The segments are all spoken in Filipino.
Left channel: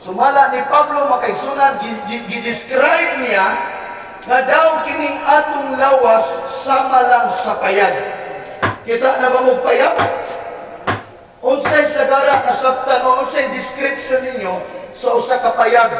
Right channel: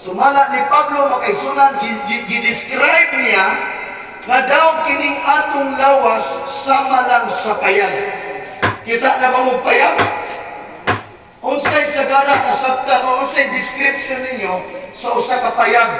Sumala ni Pablo makaigsunan, gidescribe niya nga daw kining atong lawas sama lang sa payag. Kita na ba mo payag? Unsay sagara kasabtan o unsay description ninyo sa usa ka payag?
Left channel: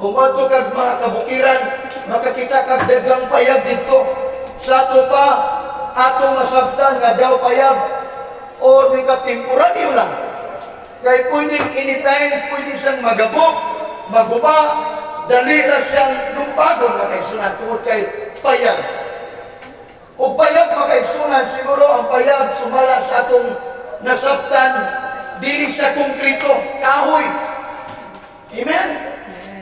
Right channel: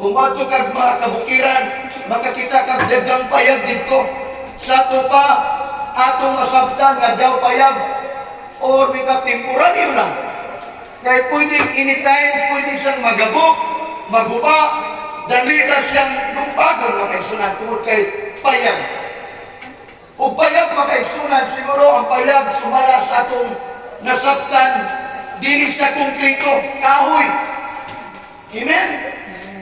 Kung ato kag mga kabukiran, makakita kag daghang payag dito. Sa ato pa, ato masabtan nga daw payag o mga temporaryo lang. Kaya pwedeng anytime, pwede siyang magabok, maguba, dali na siyang lumpagon makaigsunan tungod kay payag. O payag makaigsunan, siguro ang payag sumala sa atong nasabtan, dili sa konkrito, kahoy. Amen?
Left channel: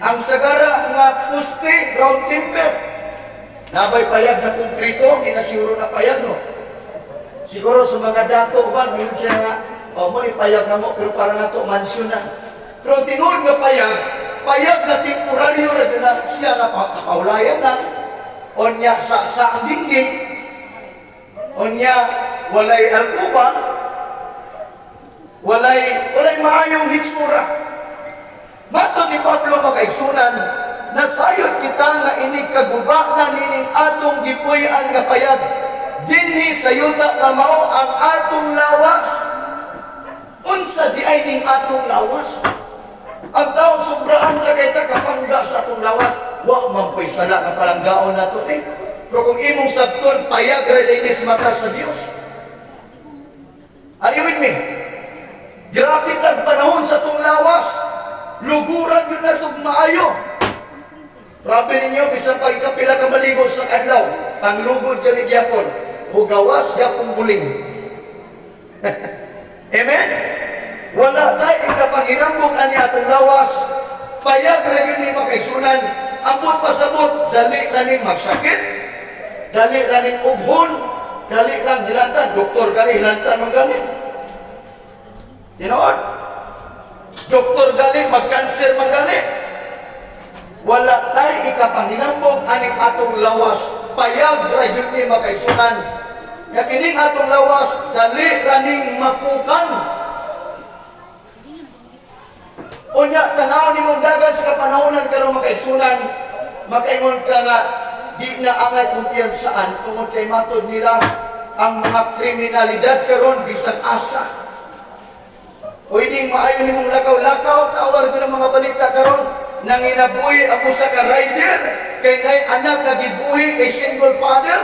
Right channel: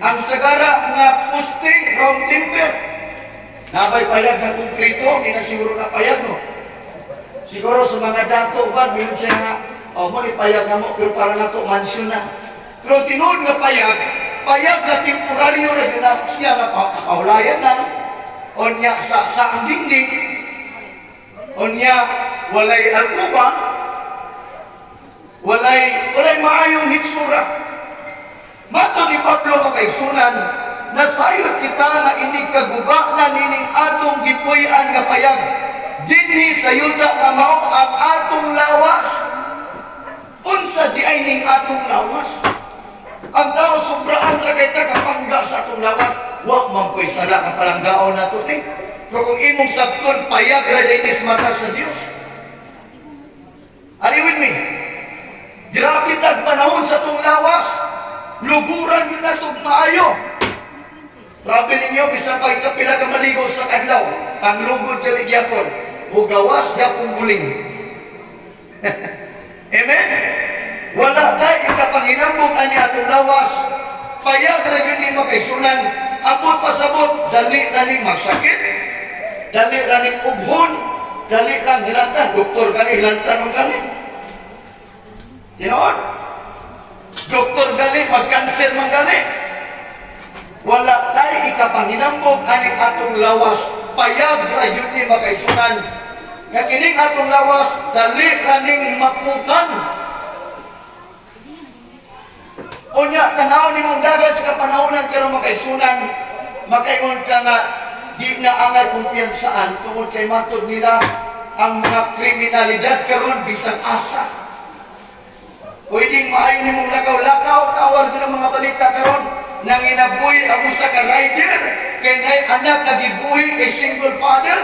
Ang sagara nga puste, round timber. Nabay payag na konkrito, hindi na siguro na payag, no? Siguro sa mga dato ba, minsan siya nga, mo ni payag na mo, pero para na to mansyon na. Pero tinuod nga payag na temporaryo na yun na siya na kapaulayan lang, o niya sa ang dingding, o niya walay alkuba, walay maayong hitsura. Mato ni Pablo makaigsunan, nasayod kita nga inig kaguba na nining atong gipuy-an nga payag. Dinhi sa yuta nga mao ang atong lawas. Unsa di ay ning atong lawas? Ang tao sobraan ra kay ta kapangga sa atong lawas, wa man koy sala nga palanggaon nato ni. Pero kung imong sabton payag ra dinis mata sa Dios. Are you with me? Grabe tag panahon sa atong lawas. Luguran yun na itong maayo. Grabe ninyo, bisan pag ikapila ka maligo sa kadlaw, ang lugod gali gyapon, hugawas gyapon guling. Amen? Wala tayo ikapanginambog ani atong lawas, payag ra yun ni makaigsunan, abot pasabot, dali raning magsakit, dali raning ubhon, dali lang hilantan, doktor gani hilantan mang gani. Tinood? Doktor gali, mag-cancer man gali. Wala tayo ikapanginambog aning atong lawas. Payag ra yun ni makaigsunan. Nga kining atong lawas, dali raning mapukan. Unya, tanaw ni mong dagat sa kapanahonan karon makaigsunan, makaingon ka nga, di na angay kumpiyansaan tungod kay matod nila ang mga kriminalidad karon bisag asa. Pwedeng maayon nimong lakaw-lakaw, tawar ko ng mga balita karon nang inabuhi ang usa ka rider kay nay anak nga gibuhi kay single father.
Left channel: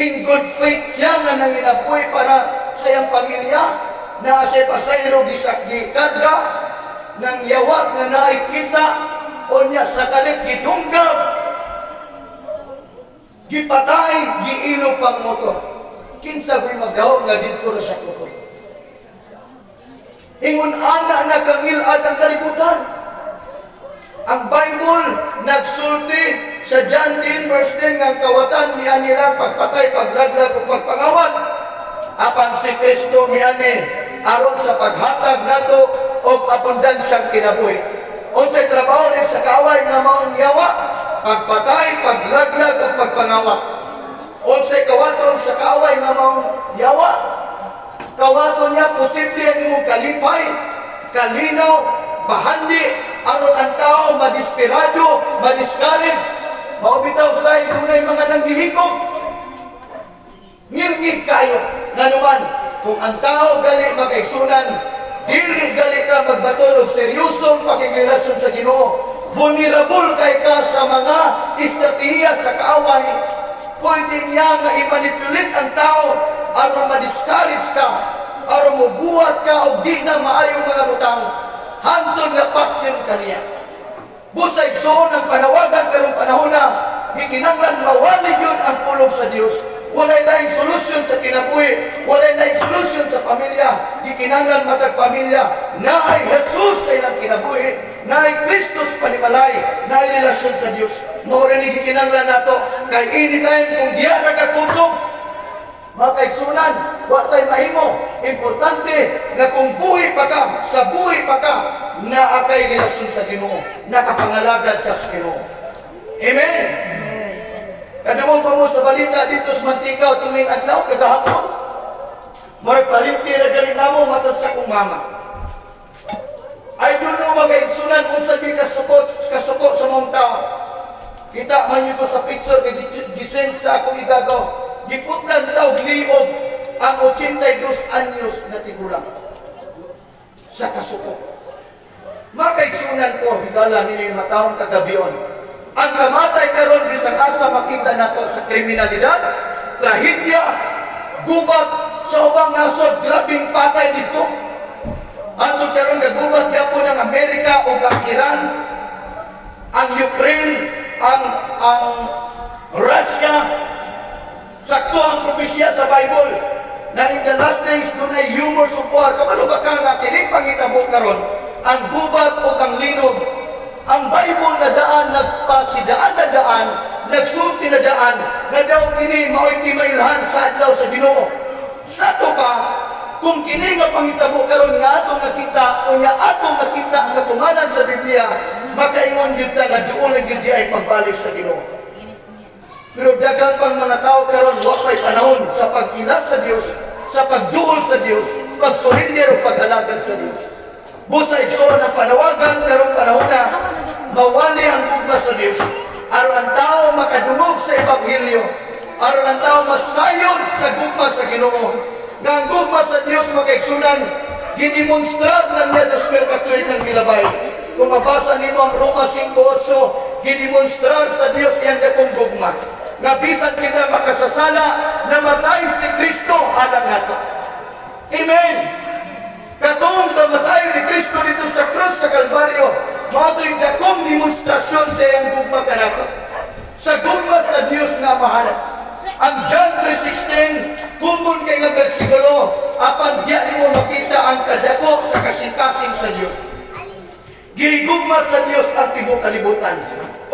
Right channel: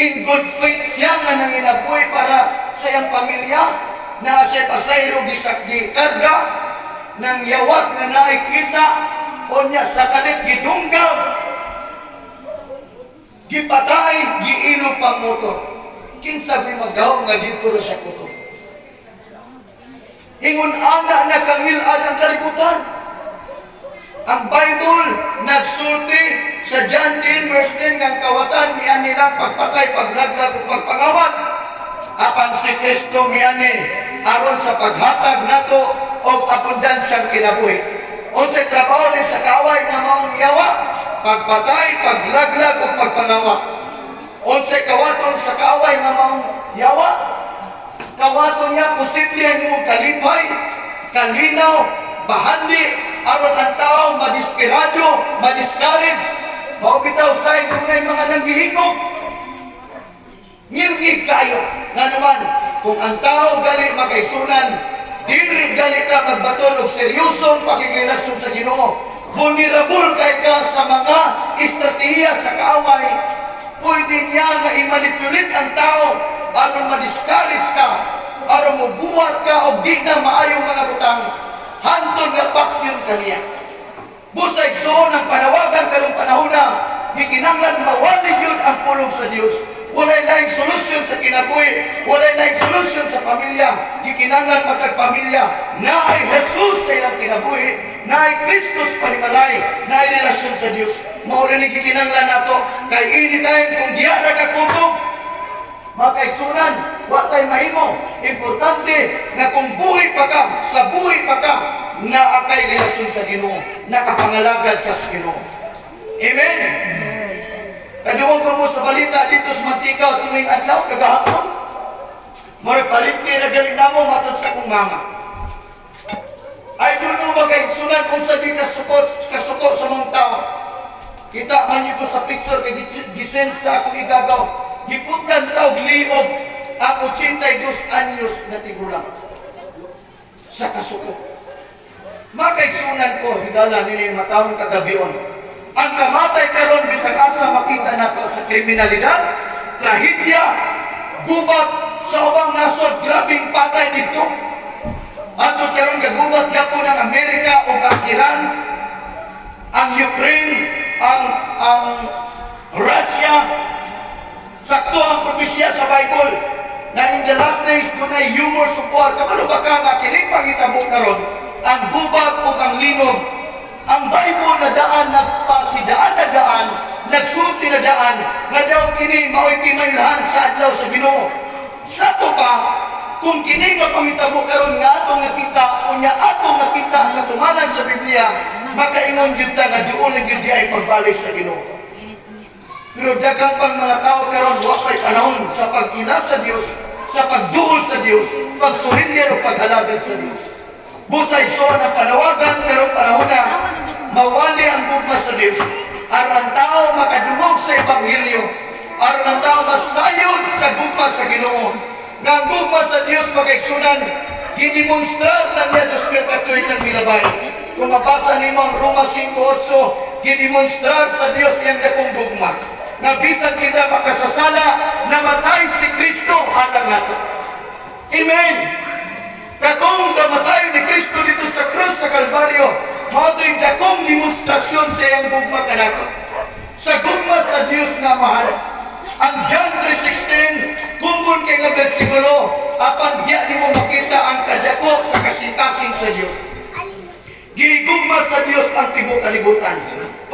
In good faith siya nga nang inabuhi para sa iyang pamilya na siya pasayro gisak gikarga nang yawat nga nakikita o niya sa kalit gidunggab gipatay giilo pang motor. Kinsa ko'y magdahom nga dito ra sa kuto. Ingon ana nakangilad ang kalibutan. Ang Bible nagsulti sa John 10 verse 10 ng kawatan miyan nila pagpatay, paglaglag o pagpangawat. Apan si Kristo miyani aron sa paghatag nato og abundansyang kinabuhi. Unsay trabaho ni sa kaway nga maong yawa? Pagpatay, paglaglag o pagpangawat. Unsay kawaton sa kaway nga maong yawa? Kawato niya, posible ang imong kalipay, kalinaw, bahandi, aron ang tao madisperado, madiscourage, maubitaw sa inunay mga nanggihigog. Ngirgig kayo, nga naman, kung ang tao gali makaigsunan, dili gali ka magbatol og seryosong pakigrelasyon sa Ginoo, vulnerable kay ka sa mga estratehiya sa kaaway, pwede niya nga i-manipulate ang tao aron ma-discourage ka, aron mubuhat ka og di na maayong mga butang, hantod nga pakyun kaniya. Busay soon ang panawagan karong panahon na, gikinanglan mawalig yun ang pulong sa Dios. Walay naing solusyon sa kinabuhi, walay naing solusyon sa pamilya, gikinanglan matagpamilya, naay Jesus sa ilang kinabuhi, naay Kristus panimalay, naay relasyon sa Dios. Mao rin gikinanglan nato, kay anytime kung diya na kakutok, makaigsunan, wa tay mahimo. Importante nga kung buhi pa ka, sa buhi pa ka, naakay relasyon sa Ginoo, nakapangalagad ka sa Ginoo. Amen. Kaduwang pa mo sa balita dito sa Mantigaw tuwing adlaw kagahapon. Murag palit ni na gali namo matod sa kong mama. magaigsunan kung sa di kasuko sa mong tao. Kita man niyo ko sa picture kay gisen sa akong igagaw. Giputlan taog liog ang 82 anyos na tigulang sa kasuko. Makaigsunan ko higala nini matawon kagabion. Ang kamatay karon bisag asa makita nato sa kriminalidad, trahedya, gubat sa ubang nasod, grabing patay dito. Ato karon gagubat gyapon ang Amerika o ang Iran, ang Ukraine, ang Russia. Sakto ang propesya sa Bible na in the last days dunay humor support. Kamano ba ka nga kining pangitabo karon ang gubat o ang linog? Ang Bible na daan nagpasidaan na daan, nagsulti na daan, na daw kini mao'y kimailhan sa adlaw sa Ginoo. Sa to pa, kung kini nga pangitabo karon nga atong nakita o nga atong nakita ang katumanan sa Biblia, makaingon gyud ta nga duol gyud di ay pagbalik sa Ginoo. Pero daghang pang mga tao karon wa pay panahon sa pag-ila sa Dios, sa pagduol sa Dios, pagsurrender o pag-alagad sa Dios. Busay so na panawagan karong panahon na mawali ang gugma sa Dios, aron ang tao makadungog sa ebanghelyo, aron ang tao masayod sa gugma sa Ginoo. Nga ang gugma sa Dios makaigsunan, gidemonstrar ng niya dos Katolik ng Milabay. Kung mabasa nimo ang Roma 5:8, gidemonstrar sa Dios iyang dakong gugma. Nga bisan kita makasasala, namatay si Kristo alang nato. Amen. Katong kamatayon ni Kristo dito sa krus sa Kalbaryo, mao yung dakong demonstrasyon sa iyang gugma kanato. Sa gugma sa Dios nga mahal. Ang John 3:16, kumun kay nga bersikulo, apan diya nimo makita ang kadako sa kasing-kasing sa Dios. Gigugma sa Dios ang tibuok kalibutan.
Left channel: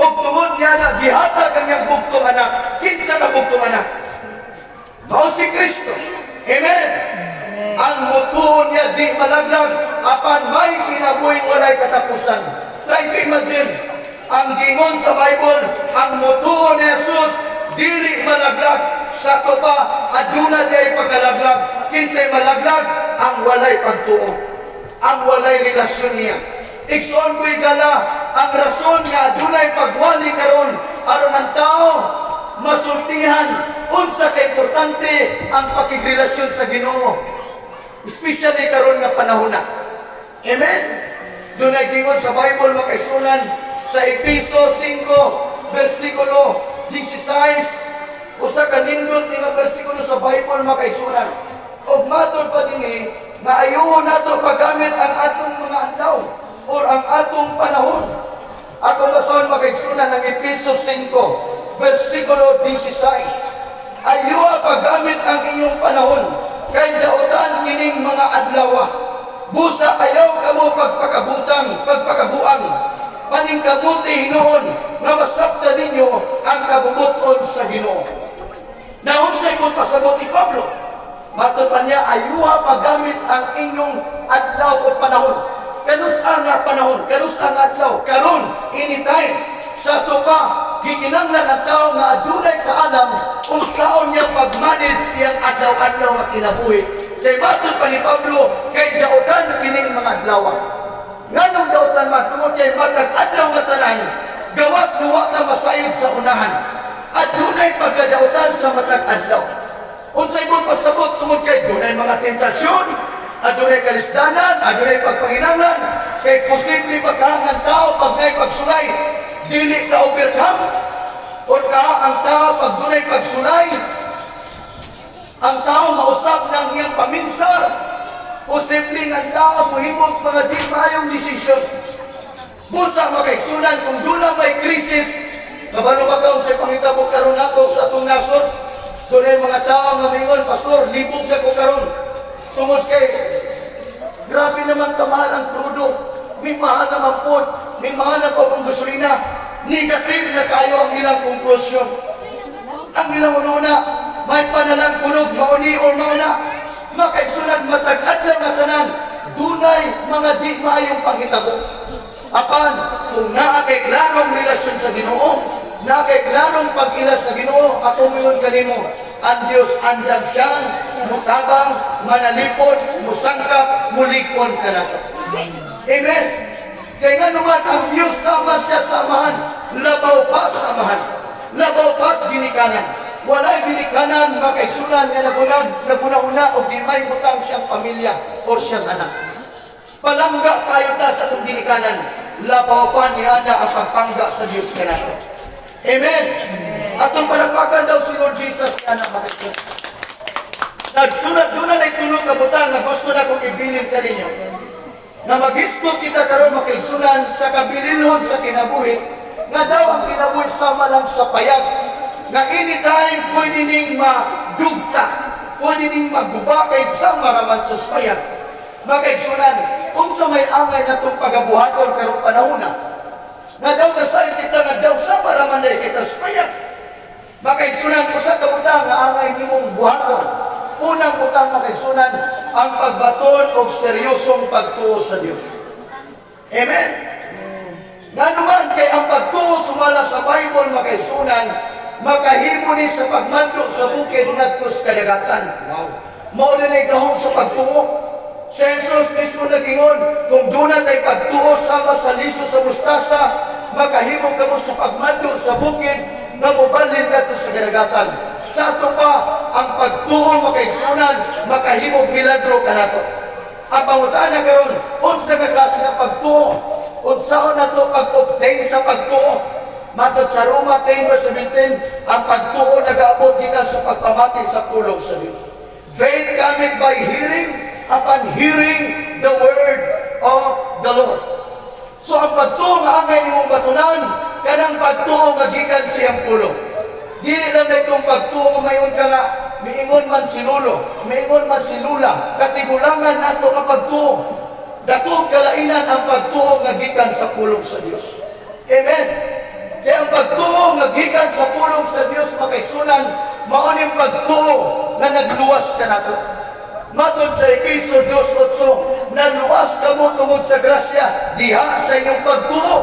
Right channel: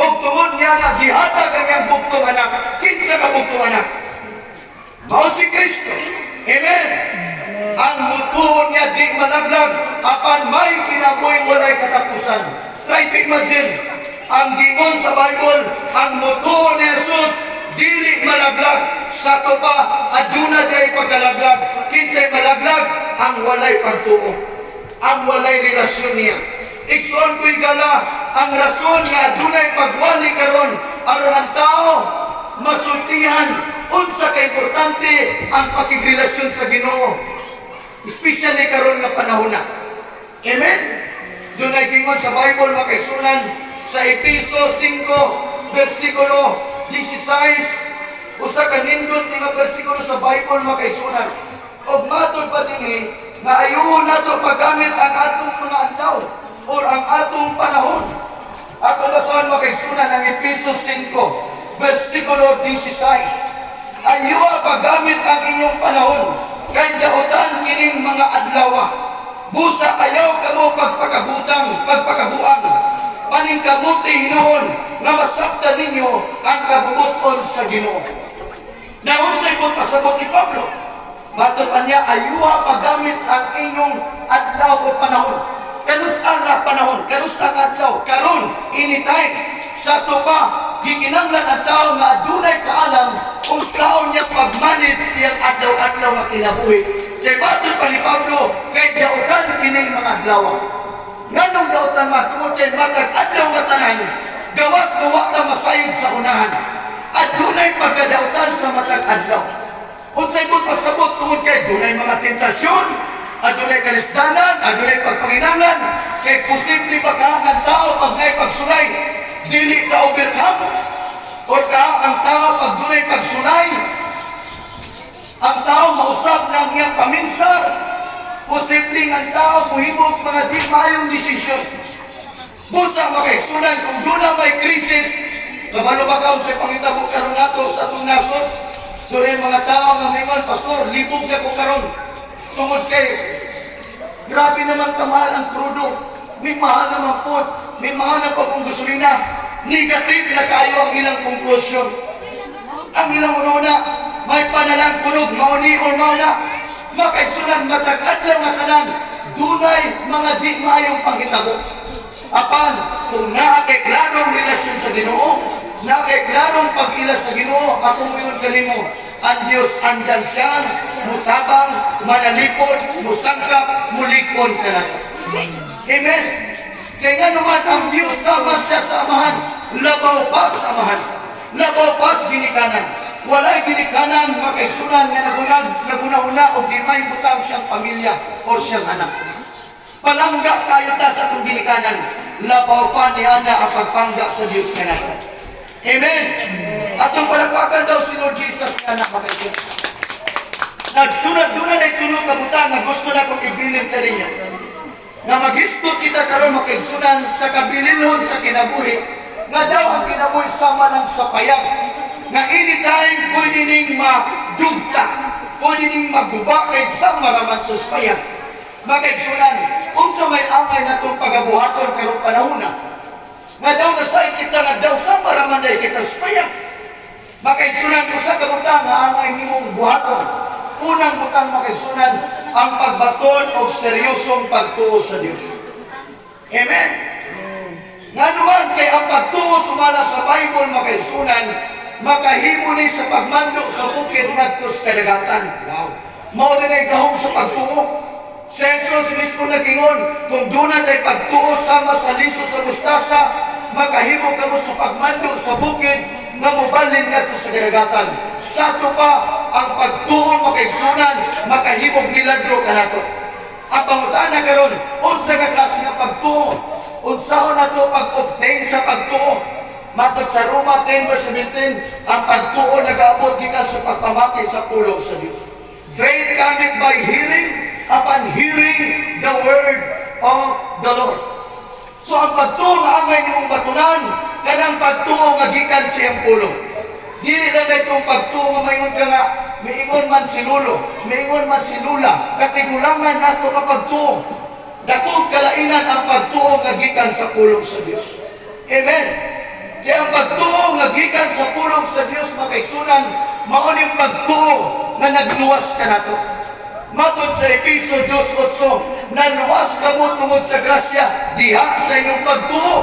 Og tungod niya na gihatag ang iyang bugtong anak. Kinsa ka bugtong anak? Mao si Kristo. Amen. Ang mutuon niya di malaglag, apan may kinabuhi walay katapusan. Try to imagine, ang gingon sa Bible, ang mutuon ni Jesus, dili malaglag, sa to pa, aduna di ay pagkalaglag. Kinsay malaglag, ang walay pagtuo, ang walay relasyon niya. Iksuan ko igala, ang rason nga adunay pagwali karon aron ang tao masultihan unsa ka importante ang pakigrelasyon sa Ginoo. Especially karon nga panahon na. Amen? Doon ay gingon sa Bible makaisunan sa Efeso 5, versikulo 16, usa ka nindot nga versikulo sa Bible makaisunan. Og matod pa dinhi na ayo nato paggamit ang atong mga adlaw or ang atong panahon. Ako basahan makaisunan ng Efeso 5, versikulo 16. Ayo paggamit ang inyong panahon kay dautan kining mga adlaw. Busa ayaw kamo pagpakabuang, maning kabuti hinuon nga masabtan ninyo ang kabubuton sa Ginoo. Naon sa ikot pasabot ni Pablo, matod pa niya, ayuha paggamit ang inyong adlaw o panahon. Kanusa nga panahon, kanusa nga adlaw, karon anytime. Sa to pa, gikinanglan ang tao nga adunay kaalam kung saan niya pag-manage iyang adlaw-adlaw nga kinabuhi. Kay matod pa ni Pablo, kay dautan kining mga adlaw. Nganong dautan matungod kay matag adlaw nga tanan, gawas nga wa ta masayod sa unahan. Adunay pagkadautan sa matag adlaw. Unsay mo pasabot tungod kay dunay mga tentasyon, adunay kalisdanan, adunay pagpanginanglan, kay posible ba ka ang tao pag ngay pagsulay, dili ka overcome? Or ka ang tao pag dunay pagsulay, ang tao mausap ng iyang paminsar, posible ang tao muhimog mga di maayong desisyon. Busa makaigsunan kung doon may krisis, kabalo ba kaon sa pangitabo karon nato sa atong nasod? Doon mga tao nga mingon, Pastor, libog na ko karon. Tungod kay, grabe naman kamahal ang crudo. May mahal naman po, may mahal na po kung gasolina. Negative na kayo ang ilang konklusyon. Ang ilang ununa, may panalang kunog, mauni o mauna. Makaigsunan, matag-ad lang nga tanan. Dunay mga di maayong panghitabo. Apan, kung naakay klarong relasyon sa Ginoo, naakay klarong pag-ila sa Ginoo, ako mayon kanimo, ang Diyos andam siya, mutabang, manalipod, musangkap, mulikon ka na. Amen. Kaya nga naman ang Diyos sama siya samahan, labaw pa samahan, labaw pa ginikanan. Walay ginikanan makaigsunan nga naguna-una o di may butang siyang pamilya o siyang anak. Palangga kayo ta sa itong ginikanan, labaw pa ni Ana ang pagpangga sa Diyos ka natin. Amen. Atong palagpagan daw si Lord Jesus nga anak makaigsunan. Nagtunad-tunad ay tulog ka butang na gusto na kong ibilin ka ninyo. Na maghisgot kita karon makaigsunan sa kabilinhon sa kinabuhi, nga daw ang kinabuhi sama lang sa payag, nga anytime pwede ning madugta, pwede ning magubakid sa maraman sa payag. Makaigsunan, kung sa may amay na itong pagabuhaton karong panahon nga daw nasayin kita nga daw sa maraman na kita sa payag. Makaigsunan ko sa kabutang nga angay nimong buhaton. Unang butang makaigsunan, ang pagbaton o seryosong pagtuo sa Diyos. Amen? Nga naman kay ang pagtuo sumala sa Bible makaigsunan, makahimo ni sa pagmando sa bukid ngadto sa kadagatan. Wow. Mao din ay gahom sa pagtuo. Sa Jesus mismo nagingon, kung doon ay pagtuo sama sa liso sa mustasa, makahimo ka mo sa pagmando sa bukid na mubalin ngadto sa kadagatan. Sato pa ang pagtuo makaigsunan, makahimog milagro kanato. Ang pangutana karon, unsa nga klase nga pagtuo? Unsaon nato pag-obtain sa pagtuo? Matod sa Roma 10:17, ang pagtuo nagaabot gikan sa pagpamati sa pulong sa Dios. Faith cometh by hearing, upon hearing the word of the Lord. So ang pagtuo nga angay nimong batunan, kanang pagtuo nga gikan siyang pulong. Dili lang na itong pagtuo nga mayon ka nga, miingon man si Lolo, miingon man si Lula, katigulangan nato ka pagtuo. Dakog kalainan ang pagtuo nga gikan sa pulong sa Dios. Amen. Kaya ang pagtuo nga gikan sa pulong sa Dios makaigsunan, mao ning pagtuo nga nagluwas ka nato. Matod sa Efeso 2:8, naluwas ka mo tungod sa grasya diha sa inyong pagtuo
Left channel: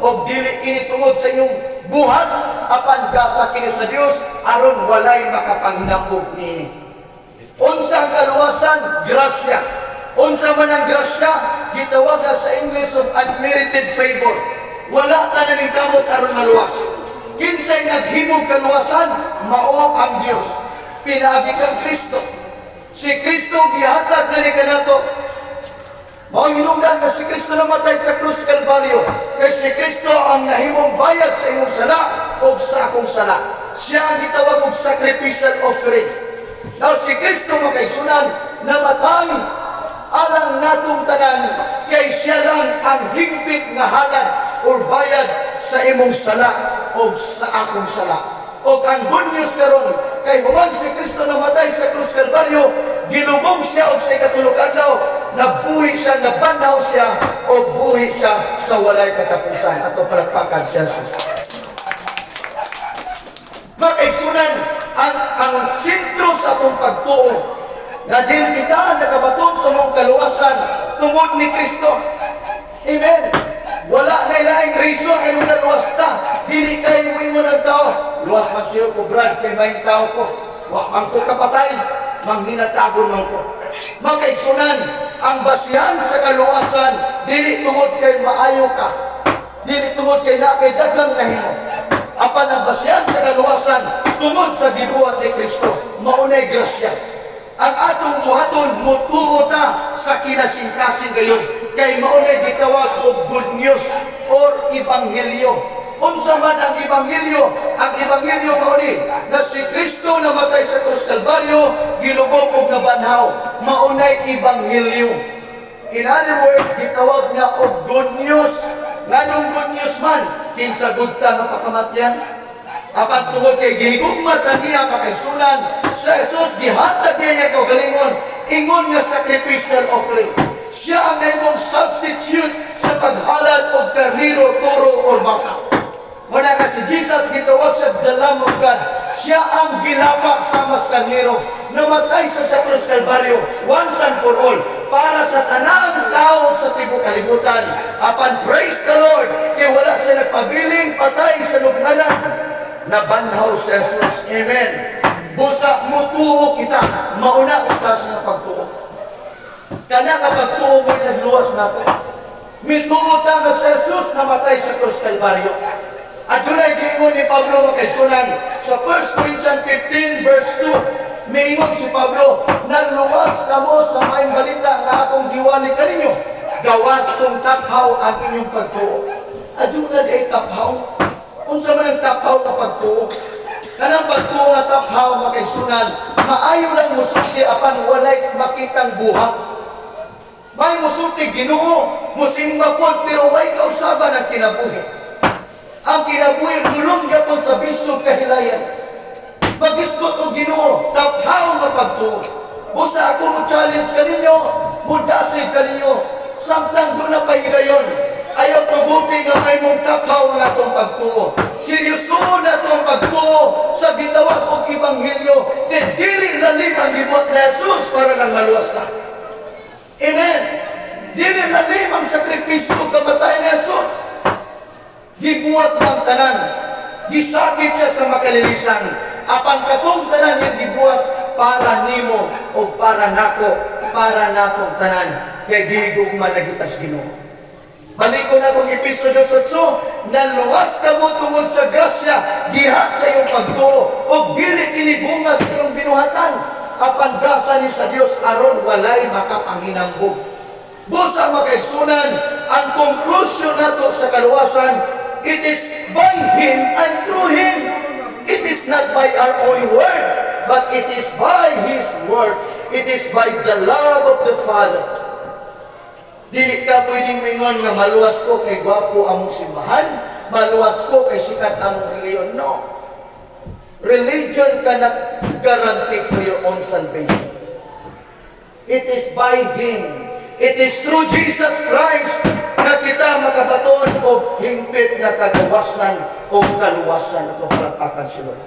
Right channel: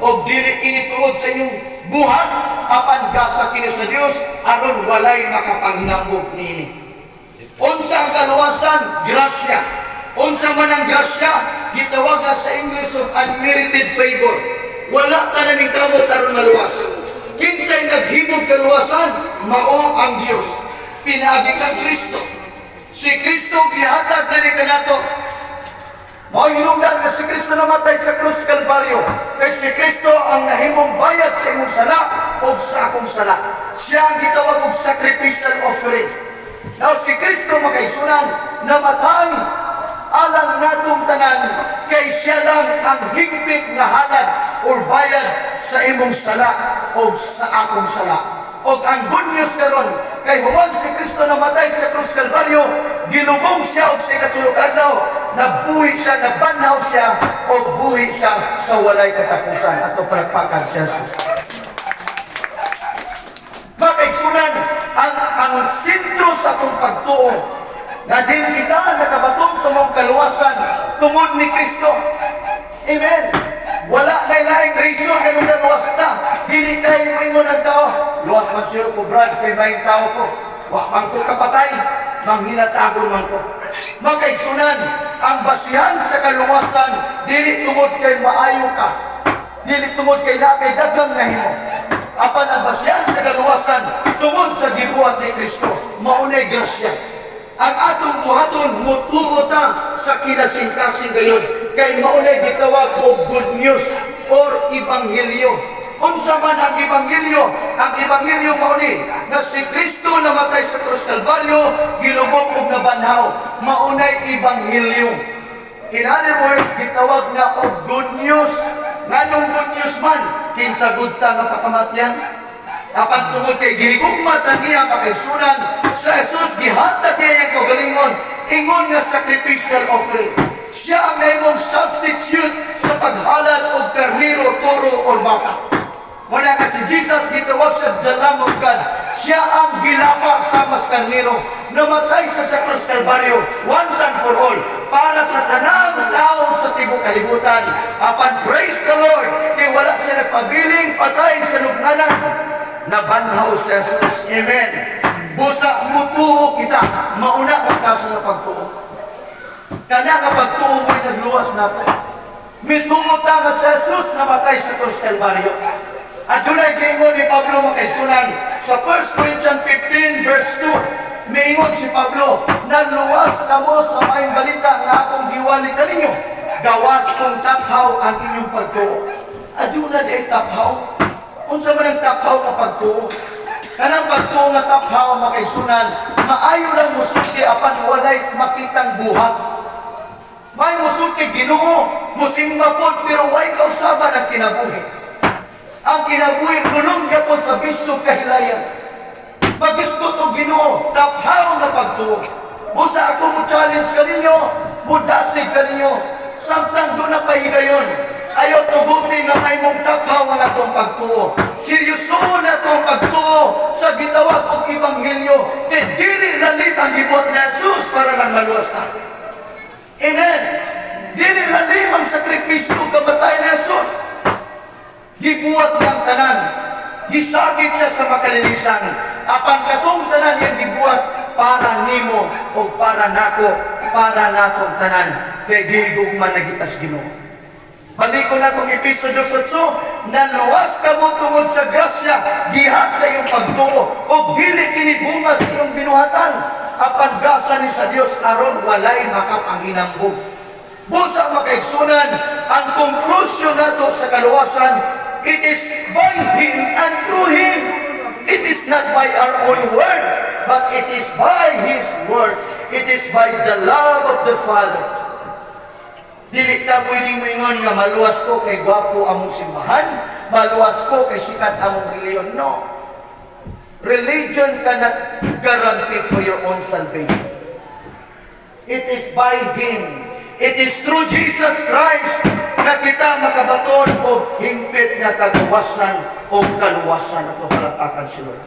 o dili ini tungod sa inyong buhat apan gasa kini sa Dios aron walay makapanghilambog niini. Unsa ang kaluwasan? Grasya. Unsa man ang grasya? Gitawag sa English of unmerited favor. Wala ka na ning kamot aron maluwas. Kinsay naghimog kaluwasan? Mao ang Dios. Pinaagi kang Kristo. Si Kristo gihatag na ni kanato. Mao hinungdan nga si Kristo namatay sa krus Kalbaryo. Kay si Kristo ang nahimong bayad sa imong sala o sa akong sala. Siya ang gitawag og sacrificial offering. Now si Kristo makaisunan namatay alang natong tanan kay siya lang ang higpit nga halad o bayad sa imong sala o sa akong sala. O ang good news karon kay huwag si Kristo namatay sa krus Kalbaryo, gilubong siya og sa ikatulog adlaw, nabuhi siya, nabanhaw siya o buhi siya sa walay katapusan ato palakpakan siya sus. Makaigsunan ang sentro sa atong pagtuo na din kita nakabatong sa mong kaluwasan tungod ni Kristo. Amen. Wala na ilaing reason kanong naluwas ta. Dili kayo moingon ang tao. Luwas man siya ko, Brad, kay maing tao ko. Wak ko kapatay, manghinatagon man ko. Makaigsunan, ang basihan sa kaluwasan, dili tungod kay maayo ka. Dili tungod kay na kay daghang nahimo. Apan ang basihan sa kaluwasan, tungod sa gibuhat ni Kristo, maunay grasya. Ang atong muhaton, mutuo ta sa kinasing-kasing gayon. Kay maunay gitawag og good news or ebanghelyo. Unsa man ang ebanghelyo? Ang ebanghelyo mauni na si Kristo namatay sa krus Kalbaryo, gilubog og nabanhaw. Maunay ebanghelyo. In other words, gitawag na og good news. Nganong good news man? Kinsa gud ta nga pakamatyan? Apan tungod kay gihigugma ta niya makaigsunan sa Jesus gihatag niya kaugalingon, ingon nga sacrificial offering. Siya ang nahimong substitute sa paghalad og karniro, toro o baka. Wala ka si Jesus gitawag sa the Lamb of God. Siya ang gilama sa mas karniro, namatay sa krus Kalbaryo once and for all para sa tanang tao sa tibuok kalibutan. Apan praise the Lord kay wala siya nagpabiling patay sa lubnganan. Nabanhaw si Jesus. Amen. Busa mutuo kita, mauna ang klase ng pagtuo. Kana ka pagtuo mo'y nagluwas nato. Mituot nga sa Jesus namatay sa krus Kalbaryo. At dunay giingon ni Pablo makaigsunan sa 1 Corinthians 15 verse 2. Miingon si Pablo, naluwas kamo sa maayong balita nga akong giwali kaninyo. Gawas kong taphaw ang inyong pagtuo. Aduna day taphaw. Unsa man ang taphaw nga pagtuo? Kanang pagtuo nga taphaw makaigsunan, maayo lang musulti apan walay makitang buhat. May musulti Ginoo, musimba pod pero way kausaban ang kinabuhi. Ang kinabuhi gulong gyapon sa bisyo kahilayan. Magusto to Ginoo, taphaw nga pagtuo. Busa ako mo challenge kaninyo, mudasig kaninyo, samtang doon na pahigayon. Ayaw tuguti nga may mong taphaw ang atong pagtuo. Seryoso na itong pagtuo sa gitawag og Ebanghelyo. Kaya dili lalim ang gibuhat ni Jesus para lang maluwas na. Amen. Dili lalim ang sakripisyo kamatay ni Jesus. Gibuhat ng tanan. Gisakit siya sa makalilisan. Apan katong tanan yung gibuhat para nimo o para nako, para nakong tanan. Kaya giligog man nagitas Ginoo. Balik ko na kung episode 8, naluwas ka mo tungod sa grasya, gihat sa iyong pagtuo, o gili kinibunga sa iyong binuhatan, apan grasa ni sa Dios aron walay makapanginambog. Busa makaigsunan, ang conclusion nato sa kaluwasan, it is by Him and through Him. It is not by our own words, but it is by His words. It is by the love of the Father. Dili ka pwedeng mingon nga maluwas ko kay gwapo among simbahan, maluwas ko kay sikat among reliyon. No. Religion cannot guarantee for your own salvation. It is by Him. It is through Jesus Christ na kita makabaton o hingpit nga kagawasan o kaluwasan at halatakan si Lord.